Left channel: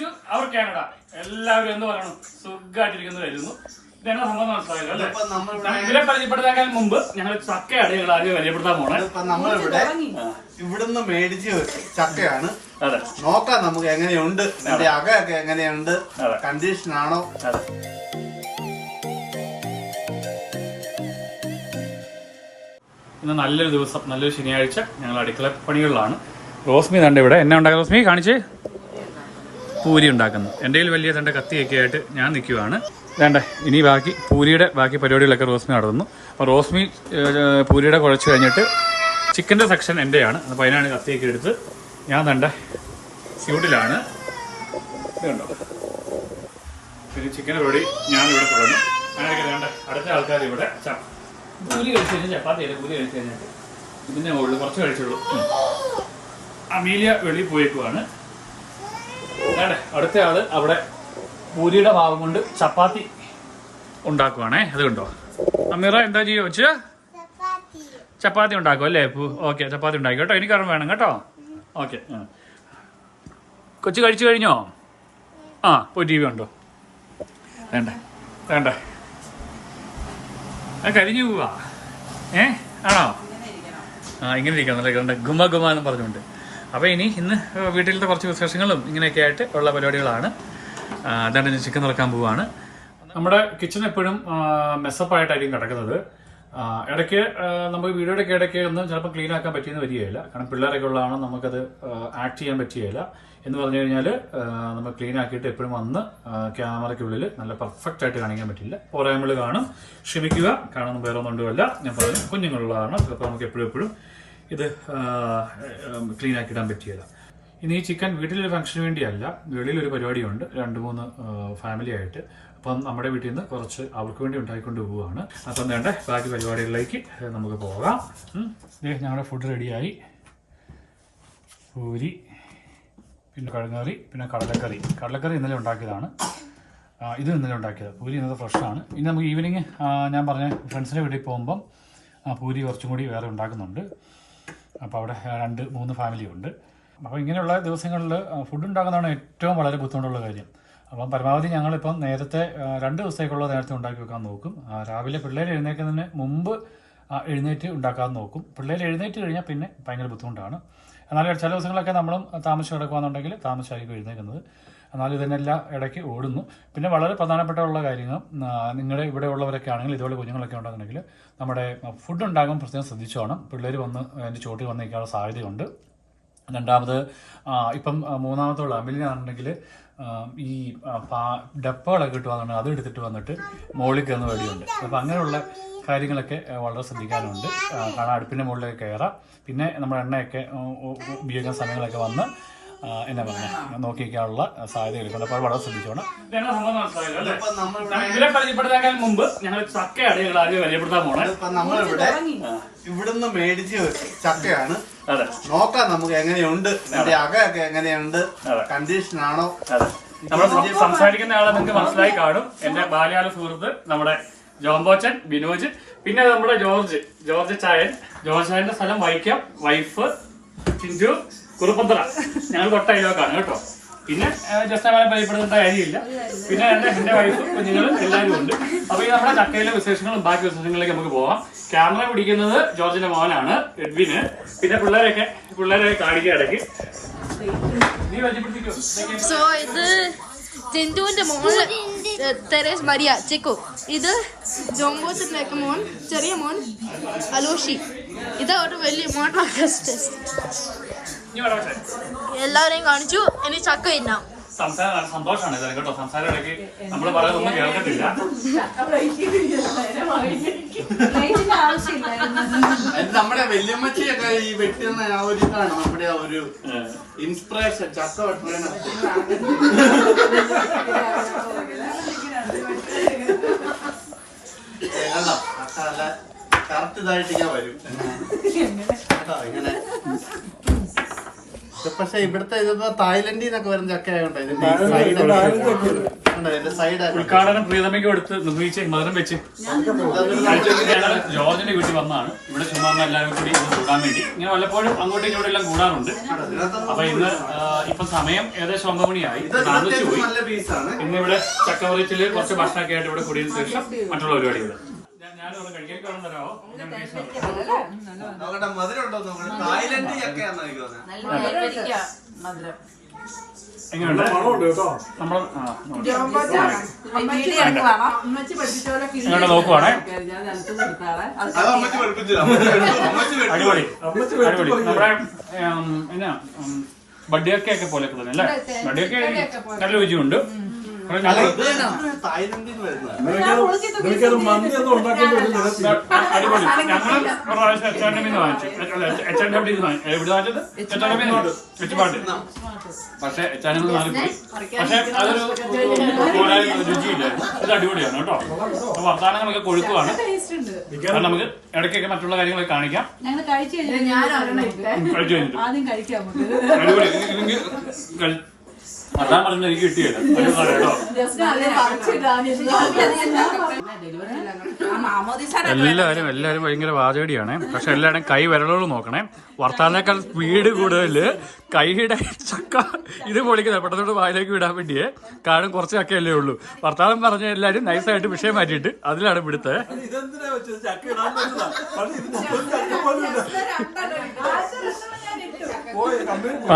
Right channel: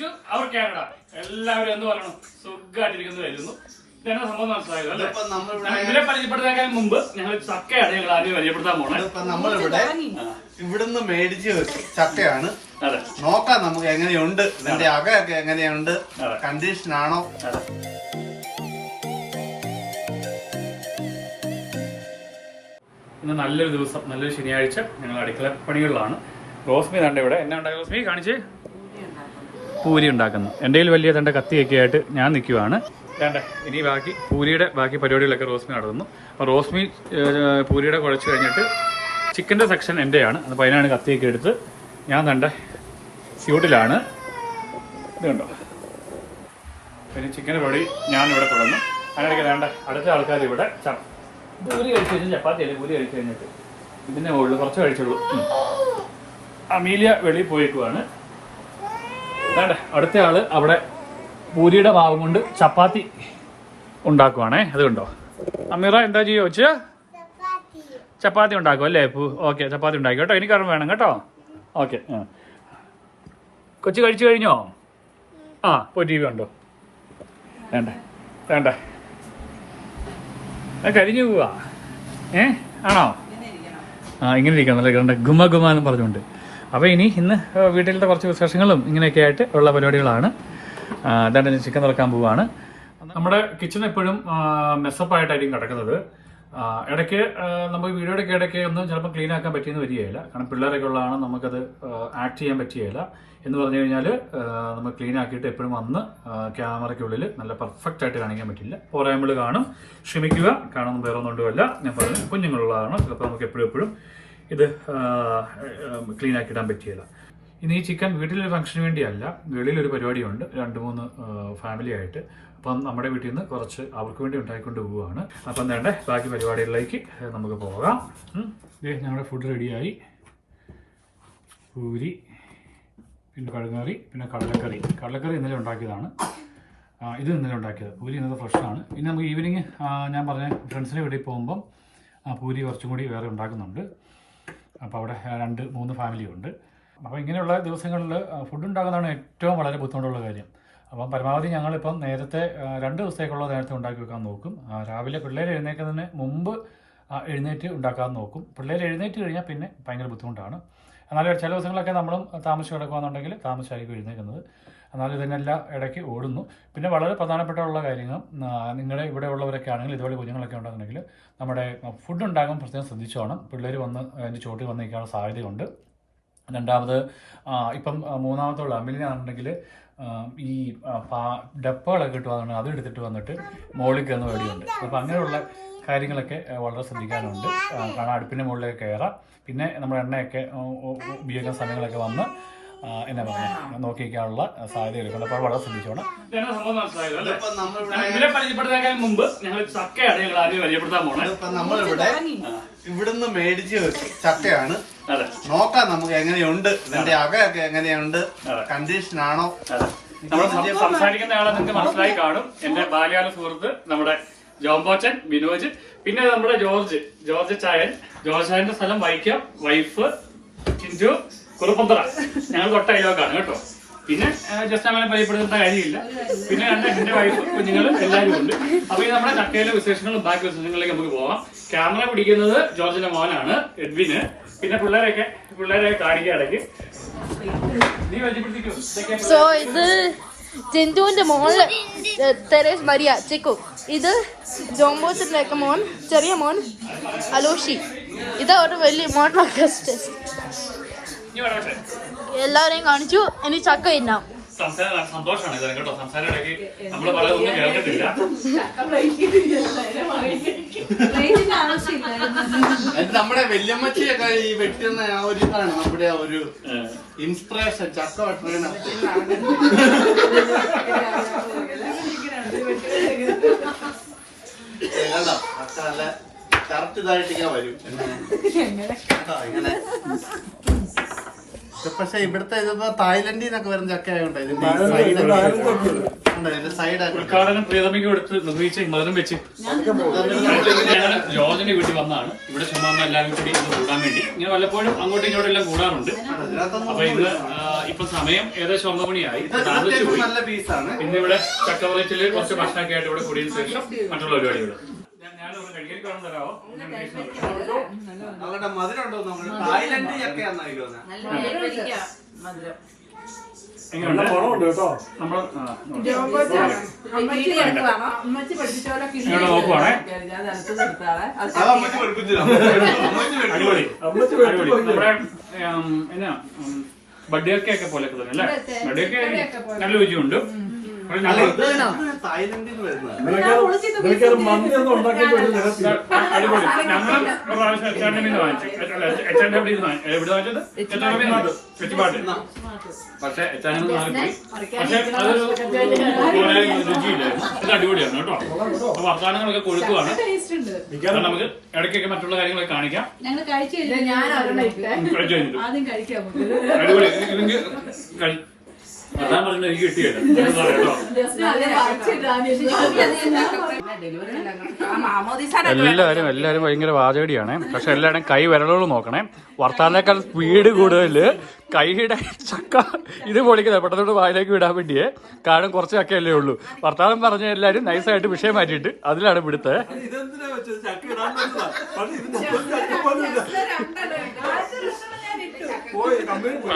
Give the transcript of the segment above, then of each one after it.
To our Canada. എല്ലാവരും എന്ന് പറയണം. സുഖമായിട്ടിരിക്കുന്നു വരുന്നു ഇതെന്നാ സംഭവം മനസ്സിലായല്ലോ അല്ലേ? ഇതിപ്പോ നമ്മളിവിടെ ഇവരെ പരിചയപ്പെടുത്താൻ മുമ്പ് ഞങ്ങൾ ചക്കയാണ് ഞങ്ങൾ ആദ്യം പരിചയപ്പെടുത്താൻ പോണേ. ഇതിപ്പോ നമ്മളിവിടെ ഇവിടുന്ന് മേടിച്ച് ചക്കയാണ്. അതെ. നോക്കാം നമുക്ക് എങ്ങനെയുണ്ട്. ഇതിന്റെ അകയൊക്കെ എങ്ങനെയുണ്ട്. കണ്ടീഷൻ ആണോ ഇന്ന് നല്ലൊരു ദിവസം നല്ലൊരു ശനിയാഴ്ച ഞങ്ങൾ അടുക്കള പണികളിലാണ്. റോസ്മി തണ്ട് ഇവിടെ. എന്നെ ഉണ്ടാക്കുന്ന റോസ്മി? കാണിച്ചേ. പൂരി ഉണ്ടാക്കുന്നു. എന്റെ കയ്യിൽ വലിയ തന്റെ കത്തിയൊക്കെ ആയിട്ട് ഞാൻ നിൽക്കുവാണ്. വേണ്ട ഇനി ബാക്കി പൂരിയുടെ ബാക്കി പരിപാടികളൊക്കെ റോസ്മി നടത്തുന്നു. അപ്പോൾ റോസ്മി പൂരിയുടെ കുഴച്ച് കഴിഞ്ഞിട്ട് ചിക്കന്റെ സെക്ഷൻ എന്റെയാണ്. അപ്പോൾ അതിനാണ് കത്തിയൊക്കെ എടുത്ത് ഞാൻ തന്റെ സ്യൂട്ടിലാണ് പിന്നെ ചിക്കൻ പൊടി ഞാനിവിടെ തുടങ്ങും. അങ്ങനെയൊക്കെ വേണ്ട അടുത്ത ആൾക്കാർ ഇവിടെ പൂരി കഴിച്ചു കഴിഞ്ഞാൽ ചപ്പാത്തി ആയിട്ട് പൂരി കഴിച്ചു കഴിഞ്ഞിട്ട് ഇതിനെ ഉള്ളു കുറച്ച് കഴിച്ചുള്ളൂ. അമീലിയ വെളിയിൽ പോയേക്കുവാണ്. അടുത്ത ആൾ അവിടെ പൂരിയുടെ ഭാഗം കൊണ്ട് ചപ്പാത്തി ഉണ്ടാക്കുവാണേ അതുകൊണ്ടോ അമീറ എന്താ ചെയ്യുക വെച്ച് ചപ്പാത്തി ഉണ്ടാക്കും അല്ലേ? ഓക്കെ ചപ്പാത്തി ഉണ്ടാക്കി. കേട്ടോ എനിക്ക് അറിവ് വേണം കേട്ടോ? ഓക്കെ കൊച്ചു കഴിച്ചു കഴിഞ്ഞോ? ആ പോയി ടി വി ഉണ്ടോ വേണ്ടേ വേണ്ടേ. അത് കരിഞ്ഞു പോവാ. ഏ ആണോ? ആ ഇങ്ങനെ ഇരിക്കാം നല്ല ഗുമ ഗുമ എന്ന് പറഞ്ഞുകൊണ്ട്. അപ്പോൾ ഇനി ഇന്ന് വീട്ടിലത്തെ കുറച്ച് വിശേഷങ്ങളും ഇങ്ങനെയൊക്കെ ആയിട്ട് ഉള്ള പരിപാടികളാണ്. അതാണ് ഞാൻ ചിക്കൻ തുറക്കാൻ പോവുകയാണ് നമ്മുടെ കിച്ചൺ എപ്പോഴും മെസ്സപ്പായിട്ടായിരിക്കും കിടക്കുന്നത്. ഇടയ്ക്ക് നമുക്ക് വീഡിയോയുടെ ഇടയ്ക്ക് ഒന്നും ചിലപ്പോൾ ക്ലീൻ ആക്കാൻ പറ്റിയെന്ന് വരികയില്ല. കാരണം പിള്ളേരൊക്കെ ഉള്ളതാണ് നമുക്കത് ആക്ട് ചെയ്യാൻ പറ്റുകയില്ല എന്ന് പറഞ്ഞു കഴിഞ്ഞാൽ നമ്മൾ ക്ലീൻ ആക്കിയിട്ട് എപ്പോഴും വന്ന് ക്യാമറയ്ക്കുള്ളിൽ നല്ല പെർഫെക്റ്റ് ആയിട്ട് കാണിക്കാൻ പറ്റില്ല. പോരായ്മകൾ കാണും. ക്ഷമിക്കുക. കാണുന്ന വേറെ ഒന്നുകൊണ്ടുമല്ല ഞാൻ പറഞ്ഞു കുഞ്ഞുങ്ങളുള്ളതാണ്. ചിലപ്പോൾ നമുക്ക് എപ്പോഴും എപ്പോഴും ഇത് ക്ലീൻ ആക്കി ഇടാൻ പറ്റിയത് ഇനി ഈ ചിക്കൻ വീട്ടിലൊരു ഫംഗ്ഷന് വേണ്ടിയല്ല. വെളിയിലൊരു പരിപാടിയുണ്ട്. രണ്ട് മൂന്ന് ഫാമിലി ആയിട്ട്. അപ്പം നമ്മുടെ വീട്ടിൽ നിന്ന് കുറച്ച് അവർക്ക് വേണ്ടി ഉണ്ടാക്കിക്കൊണ്ട് പോവുകയാണ് അപ്പം വേണ്ട ബാക്കി പരിപാടികളിലേക്ക് നമുക്ക് പോകാം. ഞങ്ങളുടെ ഫുഡ് റെഡിയായി പൂരി പിന്നെ കഴുകറി പിന്നെ കടലക്കറി. കടലക്കറി ഇന്നലെ ഉണ്ടാക്കിയതാണ്. ഇത് ഇന്നലെ ഉണ്ടാക്കിയത്. പൂരി ഇന്നത്തെ ഫ്രഷാണ് ഇനി നമുക്ക് ഈവനിങ് ഞാൻ പറഞ്ഞ ഫ്രണ്ട്സിന്റെ വീട്ടിൽ പോകുമ്പം പൂരി കുറച്ചും കൂടി വേറെ ഉണ്ടാക്കുന്നുണ്ട്. അപ്പോൾ അവിടെ രണ്ട് മൂന്ന് ഫാമിലി ഉണ്ട്. അപ്പോൾ ഇങ്ങനെയുള്ള ദിവസങ്ങളിൽ ഫുഡ് ഉണ്ടാക്കുന്നതാണ് ഏറ്റവും വളരെ ബുദ്ധിമുട്ടുള്ള കാര്യം. അപ്പം പരമാവധി ഞങ്ങളിപ്പം നേരത്തെ രണ്ട് ദിവസത്തേക്കുള്ള നേരത്തെ ഉണ്ടാക്കി വെക്കാൻ നോക്കും. രാവിലെ പിള്ളേർ എഴുന്നേൽക്കുന്നതിന് മുമ്പ് എഴുന്നേറ്റ് ഉണ്ടാക്കാൻ നോക്കും. പിള്ളേർ എഴുന്നേറ്റ് കഴിഞ്ഞാൽ പിന്നെ ഭയങ്കര ബുദ്ധിമുട്ടാണ്. എന്നാലും ചില ദിവസങ്ങളൊക്കെ നമ്മളും താമസിച്ച് കിടക്കുകയാണെന്നുണ്ടെങ്കിൽ താമസിച്ചായിരിക്കും എഴുന്നേൽക്കുന്നത്. എന്നാൽ ഇതിനെല്ലാം ഇടയ്ക്ക് ഓടുന്നു. പിന്നെ വളരെ പ്രധാനപ്പെട്ട ഉള്ള കാര്യങ്ങൾ നിങ്ങളുടെ ഇവിടെ ഉള്ളവരൊക്കെ ആണെങ്കിൽ ഇതുപോലെ കുഞ്ഞുങ്ങളൊക്കെ ഉണ്ടെന്നുണ്ടെങ്കിൽ നമ്മുടെ ഫുഡ് ഉണ്ടാകുമ്പോൾ പ്രത്യേകം ശ്രദ്ധിച്ചോണം. പിള്ളേർ വന്ന് അതിന്റെ ചോട്ടിൽ വന്ന് നിൽക്കാനുള്ള സാധ്യതയുണ്ട്. രണ്ടാമത് ഇപ്പം മൂന്നാമത്തുള്ള അമിലിനാണെന്നുണ്ടെങ്കിൽ ഈ ഡപ്പകളൊക്കെ കിട്ടുവാന്നുണ്ടെങ്കിൽ അത് എടുത്തിട്ട് വന്നിട്ട് മുകളിൽ കയറുന്ന പേടിയുണ്ട് അപ്പം അങ്ങനെയുള്ള കാര്യങ്ങളൊക്കെ വളരെ ശ്രദ്ധിക്കാനുണ്ട്. കാരണം അടുപ്പിന്റെ മുകളിലേക്ക് കയറാം. പിന്നെ നമ്മുടെ എണ്ണയൊക്കെ ഉപയോഗിക്കുന്ന സമയങ്ങളൊക്കെ വന്ന് എന്നാ പറയുക നോക്കി വയ്ക്കാനുള്ള സാധ്യത എടുക്കുന്നുണ്ട് അപ്പോൾ വളരെ ശ്രദ്ധിച്ചോണം. ഇവരെ പരിചയപ്പെടുത്താൻ മുമ്പ് ഞങ്ങൾ ചക്കയാണ് ഞങ്ങൾ ആദ്യം പരിചയപ്പെടുത്താൻ നമ്മളിവിടെ ഇവിടുന്ന് മേടിച്ച് ചക്കയാണ്. നോക്കാം നമുക്ക് എങ്ങനെയുണ്ട് ഇതിന്റെ അകയൊക്കെ എങ്ങനെയുണ്ട്. കണ്ടീഷൻ ആണോ നമ്മൾ സംസാരിക്കുന്ന ആളെ നമുക്ക് മനസ്സിലായി കാണും. എന്റെ ബാല്യകാല സുഹൃത്ത് നമ്മുടെ ജോംബോച്ചൻ ബിനോജ് പിന്നെ നമ്മുടെ ജോർജ്. ജോർജ് ചായൻ. ജോർജ് ചായന്റെ സ്ഥലം വൈക്കം വൈഫ് ചിഞ്ചു കുറുപ്പന്തറ. ഞങ്ങൾ തൊട്ട അയലോക്കാണ് കേട്ടോ. പിന്നെ ജസ്റ്റ് അങ്ങനെ ഭയപ്പെടുന്ന കാര്യമില്ല. പിന്നെ രണ്ട് എന്റെ വൈഫ് കുഞ്ഞുങ്ങൾ എല്ലാവരും ഉണ്ട്. അപ്പൊ ഈ നമ്മുടെ ചക്കയിലെ വിശേഷങ്ങളും ബാക്കി വിശേഷങ്ങളിലേക്ക് നമുക്ക് പോവാം. ക്യാമറ പിടിക്കുന്നത് ജോർജിന്റെ മോനാണ് എഡ്വിന്. പിന്നെ പിള്ളേരൊക്കെ പിള്ളേരെ കാണിക്കുക ഇടയ്ക്ക് നീ സോ ഇത് ജിന്തുവിന്റെ മോൾ തെരേസ് മരിയ ചെക്കു. ഇത് ജോംബോച്ചത്തിലേക്ക് മോൻ ചെറിയ മോൻ അലോഷി. ഇതാ ഒരു വലിയ നീ പറയട്ടെ എല്ലാവരെയും കാണിച്ചു. ഇനി ചക്ക തിന്നാം. സംസാരം സന്തോഷമാണ് ഇത് കേട്ടോ. സംസാരം ഇടയ്ക്ക് നമ്മൾ കേൾക്കത്തില്ല. നമ്മുടെ വല്യമ്മച്ചിയൊക്കെ ഈ വെട്ടുന്ന ആ ഒരു ഇതാണ് നമ്മുടെ ആ ഒരു ഇൻസ്പിറേഷൻ. ചക്ക വെട്ടുന്ന കണ്ടോ? കറക്റ്റ് ഇതായിട്ട് ഞാൻ വരും. കേട്ടോ ഇങ്ങനെ പക്ഷെ ഇവിടുത്തെ ഇതിപ്പോ തായ്ലൻഡിൽ നിന്നൊക്കെ വരുന്ന ചക്ക ഇതിന്റെ ഉദ്ഘാടനം പ്രിയതമയ്ക്ക് കൊടുത്ത് നിർമ്മിച്ച് മധുരം വെച്ച് ജോർജിന്റെ വീട്ടിൽ വന്നാണ് ഇവിടെ ചുമ്മാ എല്ലാവരും കൂടി ഇന്ന് കൂടാൻ വേണ്ടി. ഇങ്ങനെ വല്ലപ്പോഴും അങ്ങോട്ടും ഇങ്ങോട്ടും എല്ലാം കൂടാറുണ്ട്. അപ്പൊ ഇന്ന് ഇപ്പൊ സമയം ഏകദേശം ഒമ്പത് മണിയായി. താമസിച്ചു പോയി ഇന്ന് ഇവിടെ ചക്കവറച്ചിൽ കുറച്ച് ഭക്ഷണമൊക്കെ ആയിട്ട് ഇവിടെ കൂടിയതിനു ശേഷം മറ്റുള്ള പരിപാടികൾ നോക്കട്ടെ മധുരം ഉണ്ടോ നോക്കട്ടെ തായ്ലൻഡ് ചക്കയാന്ന് ഇങ്ങോട്ട് നോക്കുവാണേ. അടിപൊളി. എന്നാ ബഡിയൊക്കെ പോലെ തോന്നുന്നു അല്ലേ? ബഡിയൊക്കെ നല്ല രുചിയുണ്ട്. പക്ഷെ അടിപൊളിയാണ് കേട്ടോ അപ്പൊ വർത്തമാനങ്ങളൊക്കെ കൊഴുക്കുവാണ് നമുക്ക് ഇടയ്ക്കൊക്കെ മറ്റുള്ള കാര്യങ്ങളൊക്കെ കാണിക്കാം കഴിച്ചു കഴിഞ്ഞിട്ട് അതാ പറഞ്ഞ എനിക്ക് കിട്ടിയല്ലോ എല്ലാവരും എല്ലാവരും ഭയങ്കര വാചകടിയാണ്. പക്ഷെ എല്ലാവരും കൈ വിരലുകൾ നോക്കണേ. വർത്താനേക്കാൾ സ്പീഡ് കൂടുതൽ കൈയുടെ ചക്ക ഇത് പൊളിക്കുന്നത്. പെട്ടെന്നോട് വായിലേക്ക് വിടാൻ വേണ്ടിയേ. കാരണം കുറച്ച് ചക്കയല്ലേ ഉള്ളൂ. വർത്താനം പറഞ്ഞ എല്ലാവരും നൈസായിട്ട് വിഷയം മാറ്റിയിട്ട് അതിലാണ് ഇവിടുത്തെ ഇതെന്തിനാ വെച്ചത്? ചക്ക ഇടാൻ പറ്റില്ല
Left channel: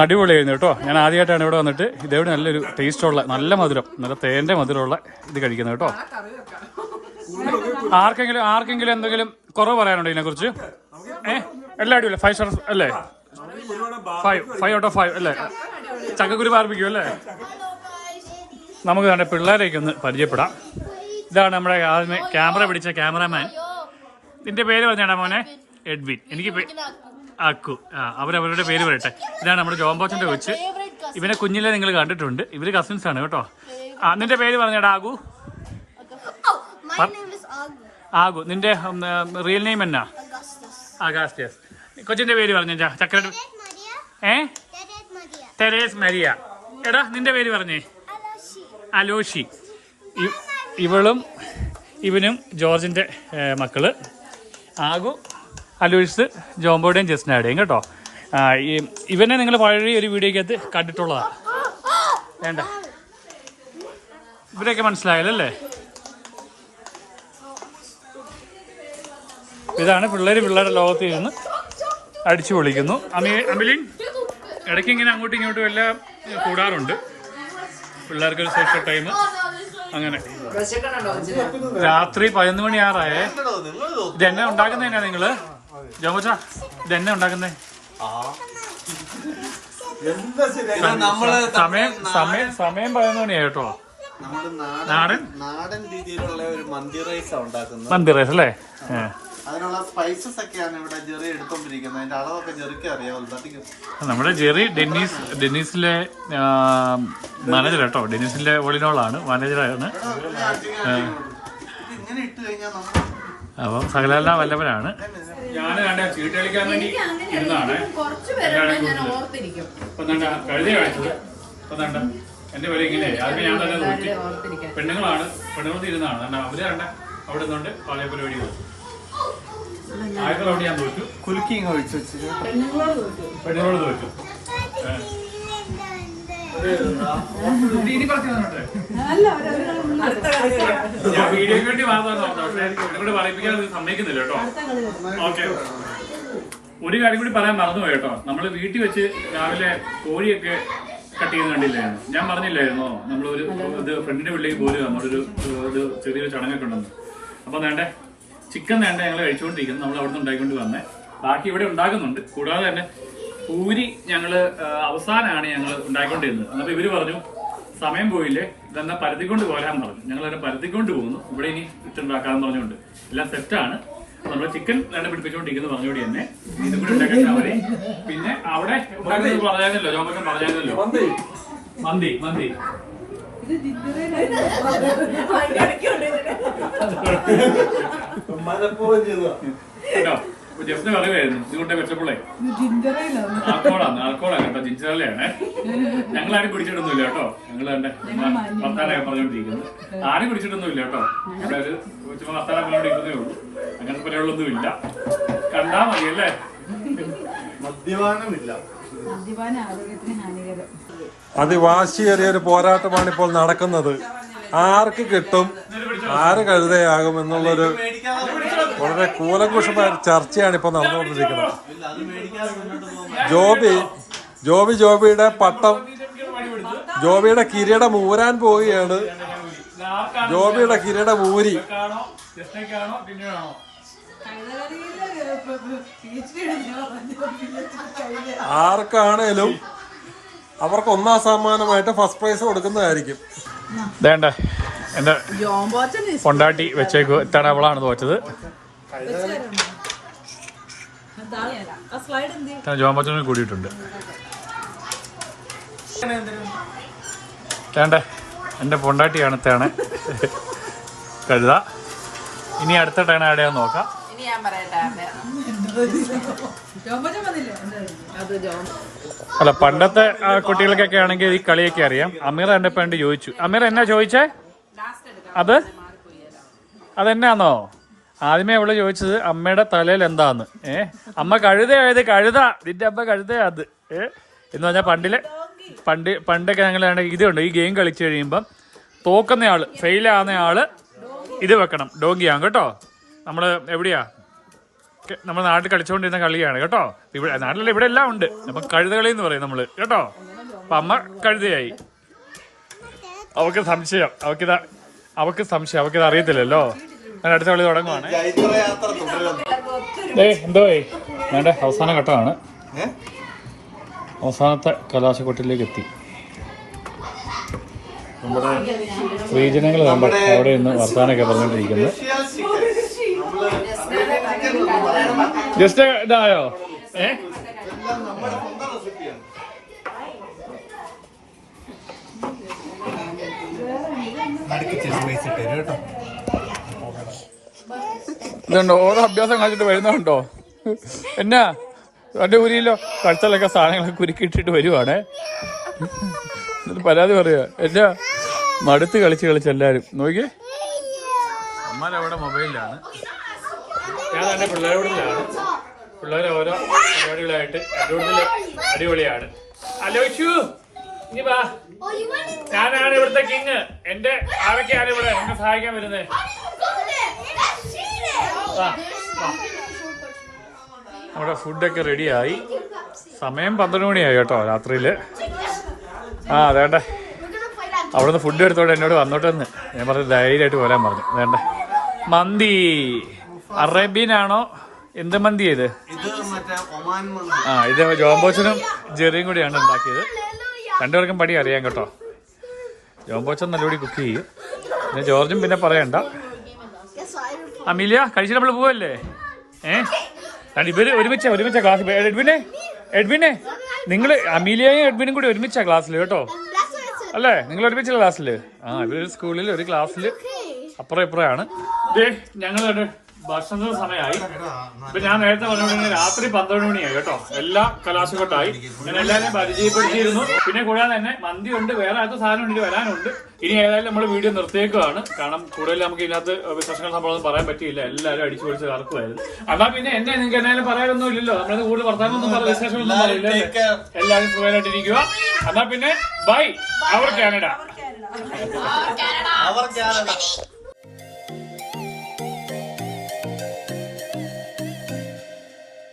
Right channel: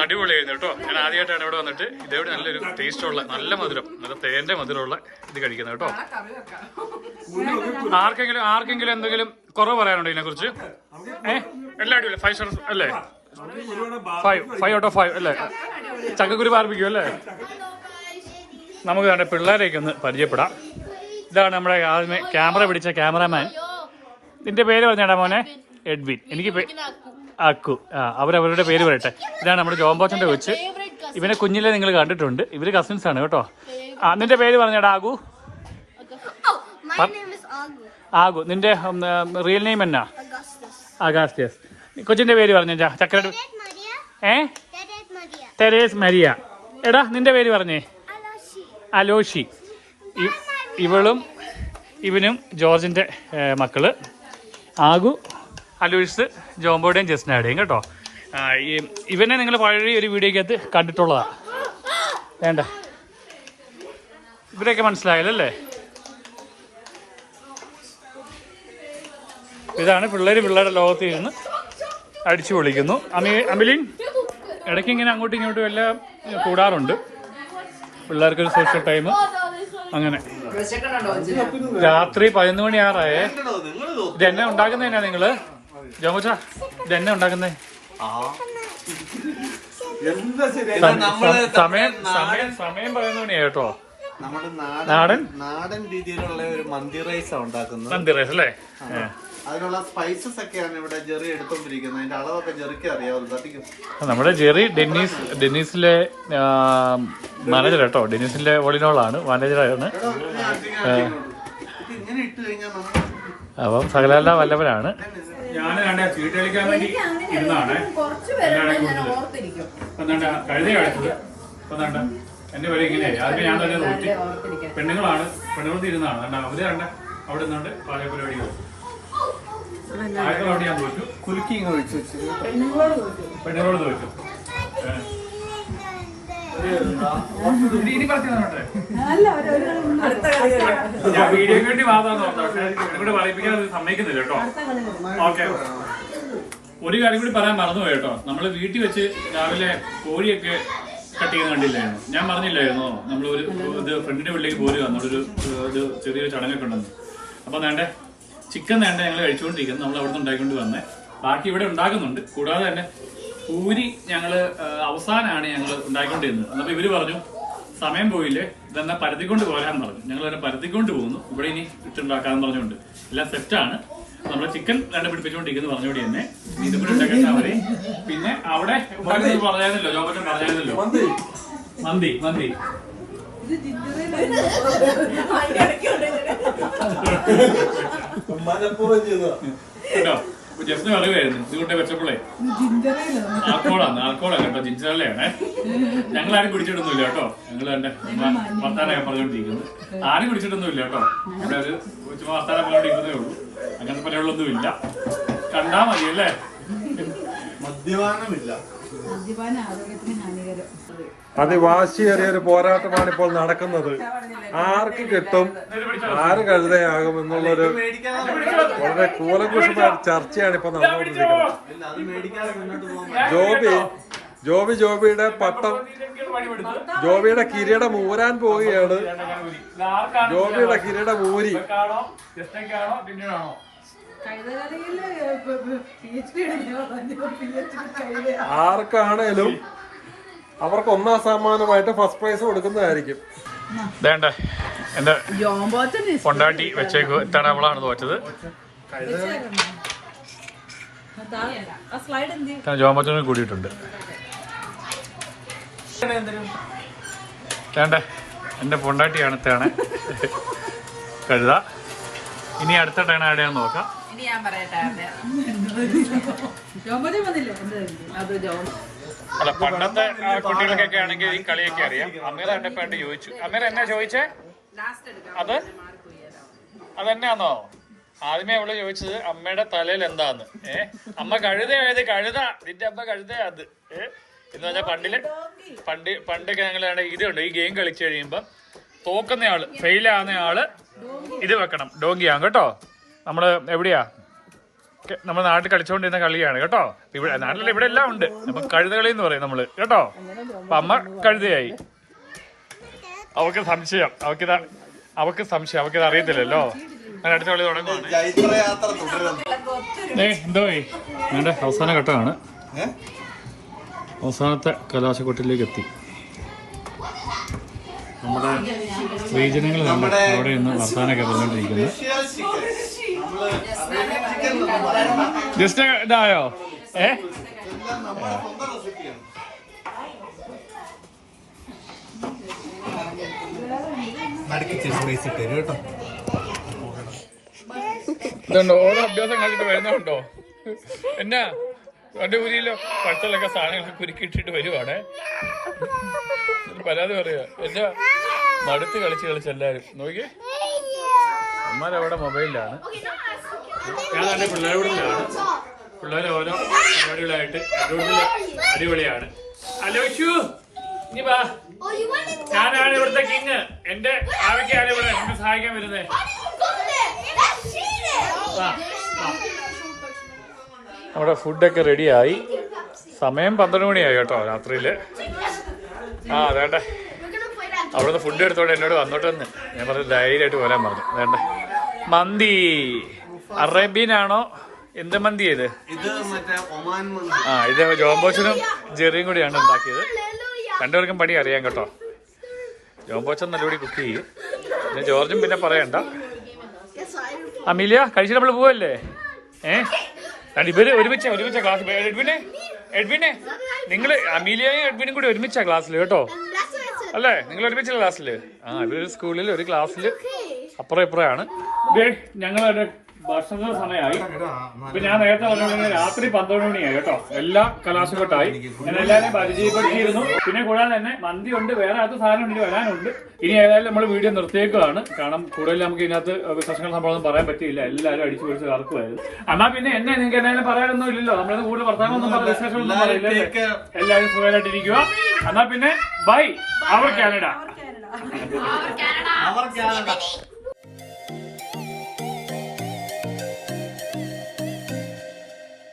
അടിപൊളിയായിരുന്നു കേട്ടോ. ഞാൻ ആദ്യമായിട്ടാണ് ഇവിടെ വന്നിട്ട്. ഇതേവിടെ നല്ലൊരു ടേസ്റ്റുള്ള നല്ല മധുരം നല്ല തേന്റെ മധുരമുള്ള ഇത് കഴിക്കുന്നത് കേട്ടോ. ആർക്കെങ്കിലും ആർക്കെങ്കിലും എന്തെങ്കിലും കുറവ് പറയാനുണ്ടോ ഇതിനെക്കുറിച്ച്? ഏ? എല്ലാം അടിപൊളി. ഫൈവ് സ്റ്റാർ അല്ലേ? Five five out of five അല്ലേ? ചക്കക്കുരു പാർപ്പിക്കും അല്ലേ? നമുക്ക് നമ്മുടെ പിള്ളേരേക്ക് ഒന്ന് പരിചയപ്പെടാം. ഇതാണ് നമ്മുടെ ആദ്യമേ ക്യാമറ പിടിച്ച ക്യാമറാമാൻ നിന്റെ പേര് പറഞ്ഞേടാ മോനെ? എഡ്വിൻ എനിക്ക് അക്കു ആ അവരവരുടെ പേര് പറയട്ടെ. ഇതാണ് നമ്മുടെ ജോംബോച്ചന്റെ കൊച്ച്. ഇവനെ കുഞ്ഞിലെ നിങ്ങൾ കണ്ടിട്ടുണ്ട്. ഇവർ കസിൻസ് ആണ് കേട്ടോ. ആ നിന്റെ പേര് പറഞ്ഞാടാ ആകു Agu. ആകു നിന്റെ റിയൽ നെയിം എന്നാ. അഗാസ്റ്റിയസ് കൊച്ചിന്റെ പേര് പറഞ്ഞ Maria. ഏ? Therese Maria. എടാ നിന്റെ പേര് പറഞ്ഞേ. അലോഷി. ഇവളും ഇവനും ജോർജിന്റെ മക്കൾ. ആകു അലോയിസ് ജോംബോയുടെയും ജസ്നയുടെയും കേട്ടോ. ഈ- ഇവനെ നിങ്ങൾ പഴയ ഒരു വീഡിയോക്കകത്ത് കണ്ടിട്ടുള്ളതാ. വേണ്ട. ഇവരെയൊക്കെ മനസ്സിലായല്ലേ? ഇതാണ് പിള്ളേർ പിള്ളേരുടെ ലോകത്ത് ഇരുന്ന് അടിച്ചു പൊളിക്കുന്നു. അമി അമിലിൻ ഇടയ്ക്ക് ഇങ്ങനെ അങ്ങോട്ടും ഇങ്ങോട്ടും എല്ലാം കൂടാറുണ്ട്. പിള്ളേർക്കൊരു സോഷ്യൽ ടൈം അങ്ങനെ. രാത്രി പതിനൊന്ന് മണിയാറായേ ആറായേ. നിങ്ങൾ ഇത് എന്നെ ഉണ്ടാക്കുന്നതിനാ നിങ്ങൾ? ജോമച്ച ഇത് എന്നെ ഉണ്ടാക്കുന്നേ? സമയം സമയം സമയം പതിനൊന്ന് മണിയാ കേട്ടോ. നമ്മുടെ നാടൻ? നാടൻ? രീതിയിലുള്ള ഒരു മന്തി റൈസ് ഉണ്ടാക്കുന്നത്. മന്തി റൈസ് അല്ലേ? അതിനുള്ള സ്പൈസസ് ഒക്കെയാണ് ഇവിടെ ജെറി എടുത്തോണ്ടിരിക്കുന്നത്. അതിന്റെ അളവൊക്കെ ജെറിക്ക് അറിയാവുള്ളൂ നമ്മുടെ ജെറി ഡെന്നീസ് ഡെന്നീസിലെ മാനേജർ കേട്ടോ. ഡെന്നീസിന്റെ ഒളിനോളാണ് മാനേജറാണ്. ഇങ്ങനെ ഇട്ട് കഴിഞ്ഞാൽ നമ്മൾ അപ്പം സകലാല വല്ലവനാണ്. ഞാൻ കണ്ട ചീട്ട് കളിക്കാൻ വേണ്ടി ഇരുന്നാണ്. കഴുത എന്റെ പേര് ഞാൻ തന്നെ തോറ്റി ഓർത്തിരിക്കാൻ പെണ്ണുങ്ങളാണ് പെണ്ണുങ്ങൾ ഇരുന്നാണ്. കണ്ട അവർ കണ്ട അവിടെ നിന്നുണ്ട് പാലയ പരിപാടികൾ ആയിരത്തി അവിടെ ഞാൻ തോറ്റു കുലുക്കി ഇങ്ങ് ഒഴിച്ചു വെച്ചു പെണ്ണുങ്ങളോട് തോറ്റു ഞാൻ വീഡിയോക്ക് വേണ്ടി നോക്കാം പക്ഷേ ഇവിടെ സമ്മതിക്കുന്നില്ല കേട്ടോ. ഓക്കെ. ഒരു കാര്യം കൂടി പറയാൻ മറന്നുപോയി കേട്ടോ. നമ്മൾ വീട്ടിൽ വെച്ച് രാവിലെ കോഴിയൊക്കെ കട്ട് ചെയ്യുന്ന കണ്ടില്ലായിരുന്നു. ഞാൻ പറഞ്ഞില്ലായിരുന്നോ? നമ്മൾ ഒരു ഇത് ഫ്രണ്ടിന്റെ വീട്ടിലേക്ക് പോരുക. നമ്മളൊരു ഒരു ചെറിയൊരു ചടങ്ങൊക്കെ ഉണ്ടെന്ന്. അപ്പൊ വേണ്ടേ ചിക്കൻ വേണ്ട ഞങ്ങൾ കഴിച്ചുകൊണ്ടിരിക്കുന്നു. നമ്മൾ അവിടെ നിന്ന് ഉണ്ടാക്കിക്കൊണ്ട് വന്നേ. ബാക്കി ഇവിടെ ഉണ്ടാക്കുന്നുണ്ട്. കൂടാതെ തന്നെ പൂരി ഞങ്ങൾ അവസാനാണ് അവസാനമാണ് ഞങ്ങൾ ഉണ്ടാക്കിക്കൊണ്ടിരുന്നത് എന്നിട്ട് ഇവർ പറഞ്ഞു സമയം പോയില്ലേ? ഇതെന്നാ പരത്തിക്കൊണ്ട് പോരാന്ന് പറഞ്ഞു. ഞങ്ങൾ തന്നെ പരത്തിക്കൊണ്ട് പോകുന്നു. ഇവിടെ ഇനി ഇട്ടുണ്ടാക്കാന്ന് പറഞ്ഞുകൊണ്ട്. എല്ലാം സെറ്റാണ് നമ്മൾ ചിക്കൻ രണ്ട് പിടിപ്പിച്ചുകൊണ്ടിരിക്കുന്നു പറഞ്ഞുകൂടി തന്നെ ഇതും കൂടി ഉണ്ടാക്കാൻ മതി പിന്നെ അവിടെ പറഞ്ഞായിരുന്നല്ലോ ജോബച്ചൻ പറഞ്ഞായിരുന്നല്ലോ. മന്തി. മന്തി ചെയ്തതാ കേട്ടോ? ജസ്റ്റ് പറയുമായിരുന്നു ഇതുകൊണ്ട് വെച്ചപ്പോളേ ആൾക്കോളാണ് ആൾക്കോളാണ് കേട്ടോ ജിഞ്ചറല്ലാണ് ഞങ്ങൾ ആരും കുടിച്ചിട്ടൊന്നുമില്ല കേട്ടോ. ഞങ്ങൾ തന്നെ വർത്താനൊക്കെ പറഞ്ഞുകൊണ്ടിരിക്കുന്നത് ആരും കുടിച്ചിട്ടൊന്നുമില്ല കേട്ടോ. ഇവിടെ ഒരു ചുമ്മാ വർത്താനം പറഞ്ഞോണ്ടിരിക്കുന്നേ ഉള്ളൂ. അങ്ങനത്തെ പരിപാടികളൊന്നും ഇല്ല കണ്ടാ മതി അല്ലേ മദ്യപാനമില്ല അത് അതിവാശിയേറിയ ഒരു പോരാട്ടമാണ് ഇപ്പോൾ നടക്കുന്നത്. ആർക്ക് കിട്ടും? ആര് കഴുതയാകും എന്നുള്ളൊരു വളരെ കൂലങ്കുഷമായ ചർച്ചയാണ് ഇപ്പൊ നടന്നുകൊണ്ടിരിക്കുന്നത് ജോബി ജോബി ജോബിയുടെ പട്ടം ജോബിയുടെ കിരീടം ഊരാൻ പോവുകയാണ്. ജോബിയുടെ കിരീടം ഊരി. ആർക്കാണേലും അവർക്ക് ഒന്നാം സമ്മാനമായിട്ട് ഫസ്റ്റ് പ്രൈസ് കൊടുക്കുന്നതായിരിക്കും. വേണ്ട എന്റെ കൊണ്ടാട്ടി വെച്ചേക്ക്. എത്താണ് അവളാണ് തോറ്റത്. ജോമച്ചനും കൂടിയിട്ടുണ്ട്. വേണ്ട എന്റെ പൊണ്ടാട്ടിയാണ് തേണേ കഴുത ഇനി അടുത്ത ടേണ എവിടെയാന്ന് നോക്കാം. അല്ല പണ്ടത്തെ കുട്ടികൾക്കൊക്കെ ആണെങ്കിൽ ഈ കളിയൊക്കെ അറിയാം. അമീർ എന്റെ പണ്ട് ചോദിച്ചു. അമീർ എന്നാ ചോദിച്ചേ? അത്? അതെന്നാന്നോ? ആദ്യമേ അവൾ ചോദിച്ചത് അമ്മയുടെ തലയിൽ എന്താന്ന്? ഏ? അമ്മ കഴുത എഴുതി കഴുത. നിന്റെ അമ്മ കഴുത അത്. ഏ? എന്ന് പറഞ്ഞാൽ പണ്ടിൽ പണ്ട് പണ്ടൊക്കെ ഞങ്ങൾ ഇതുണ്ട് ഈ ഗെയിം കളിച്ചു കഴിയുമ്പം തോക്കുന്ന ആൾ ഫെയിൽ ആവുന്ന ആൾ ഇത് വെക്കണം. ഡോങ്കിയാണ് കേട്ടോ? നമ്മൾ എവിടെയാ? നമ്മൾ നമ്മുടെ നാട്ടിൽ കളിച്ചുകൊണ്ടിരുന്ന കളിയാണ് കേട്ടോ? ഇവിടെ നാട്ടിലല്ല ഇവിടെ എല്ലാം ഉണ്ട്. അപ്പൊ കഴുതകളി എന്ന് പറയും നമ്മൾ കേട്ടോ? അപ്പൊ അമ്മ കഴുതയായി. അവക്ക് സംശയം അവക്കിത് അവക്ക് സംശയം അവക്കിത് അറിയത്തില്ലല്ലോ. ഞാൻ അടുത്ത കളി തുടങ്ങുവാണ്. ഏ എന്തോ വേണ്ട അവസാന ഘട്ടമാണ്. അവസാനത്തെ കലാശക്കൊട്ടിലേക്ക് എത്തി നമ്മുടെ സ്ത്രീജനങ്ങൾ നമ്മൾ അവിടെ നിന്ന് വർത്താനൊക്കെ പറഞ്ഞുകൊണ്ടിരിക്കുന്നത് ജസ്റ്റ് ഇതായോ? ഏ? ഇതുണ്ടോ? ഓരോ അഭ്യാസം കാണിച്ചിട്ട് വരുന്നുണ്ടോ എന്നാ? അവന്റെ ഊരിയിലോ കഴുത്തലൊക്കെ സാധനങ്ങളൊക്കെ കുരുക്കിട്ടിട്ട് വരുവാണേ. പരാതി പറയാ. എന്നാ? മടുത്ത് കളിച്ച് കളിച്ച് എല്ലാരും. നോക്കി അമ്മാരവിടെ? മൊബൈലിലാണ്. ഞാൻ തന്നെ പിള്ളേരോടിലാണ് പിള്ളേർ ഓരോ പരിപാടികളായിട്ട് അടിപൊളി അടിപൊളിയാണ്. ആലോചിച്ചു ഇനി വാ. ഞാനാണ് ഇവിടുത്തെ കിങ് എന്റെ ആരൊക്കെയാണ് ഇവിടെ? എന്നെ സഹായിക്കാൻ വരുന്നത്. നമ്മുടെ ഫുഡൊക്കെ റെഡിയായി സമയം പന്ത്രണ്ട് മണിയായി കേട്ടോ രാത്രിയിൽ. ആ വേണ്ട. അവിടുന്ന് ഫുഡ് എടുത്തോണ്ട് എന്നോട് വന്നോട്ടെന്ന്. ഞാൻ പറഞ്ഞു ധൈര്യമായിട്ട് പോരാൻ പറഞ്ഞു. വേണ്ട. മന്തി. അറേബ്യൻ ആണോ എന്ത് മന്തി ഇത്? ഇത് മറ്റേ ഒമാൻ മന്തി. ആ ഇത് ജോംബോച്ചനും ജെറിയും കൂടിയാണ് ഉണ്ടാക്കിയത്. രണ്ടുപേർക്കും പടി അറിയാം കേട്ടോ. ജോംബോച്ചൻ നല്ലപടി കുക്ക് ചെയ്യും. പിന്നെ ജോർജും പിന്നെ പറയണ്ട. അമീലിയ കഴിച്ചിട്ട് നമ്മൾ പോവല്ലേ? ഏ? ഇവർ ഒരുമിച്ച ഒരുമിച്ച ക്ലാസ് എഡ്വിനെ എഡ്വിനെ നിങ്ങൾ അമീലിയയും എഡ്വിനും കൂടി ഒരുമിച്ച ക്ലാസ്സിൽ കേട്ടോ? അല്ലേ? നിങ്ങൾ ഒരുമിച്ച ക്ലാസ്സിൽ ആ ഇവർ സ്കൂളിൽ ഒരു ക്ലാസ്സിൽ അപ്പുറം ഇപ്പുറമാണ് ഞങ്ങളുടെ ഭക്ഷണ സമയമായി. ഇപ്പൊ ഞാൻ നേരത്തെ പറഞ്ഞ രാത്രി പന്ത്രണ്ട് മണിയായി കേട്ടോ. എല്ലാ കലാശക്കൊട്ടായി ഞാൻ എല്ലാവരെയും പരിചയപ്പെടുത്തിയിരുന്നു. പിന്നെ കൂടാതെ തന്നെ മന്തി ഉണ്ട് വേറെ അടുത്ത സാധനം ഉണ്ട് വരാനുണ്ട്. ഇനി ഏതായാലും നമ്മൾ വീഡിയോ നിർത്തിയേക്കുവാണ്. കാരണം കൂടുതൽ നമുക്ക് ഇതിനകത്ത് വിശേഷങ്ങൾ നമ്മളൊന്നും പറയാൻ പറ്റിയില്ല. എല്ലാവരും അടിച്ചു പൊളിച്ച് കറക്കുമായിരുന്നു എന്നാ പിന്നെ എന്നെ നിങ്ങൾക്ക് എന്തായാലും പറയാനൊന്നും ഇല്ലല്ലോ. നമ്മളത് കൂടുതൽ വർത്തമാനമൊന്നും പറയാം വിശേഷങ്ങളൊന്നും പറയില്ല എല്ലാവരും സുഖമായിട്ടിരിക്കുക. എന്നാ പിന്നെ ബൈ. Our Canada. അവർ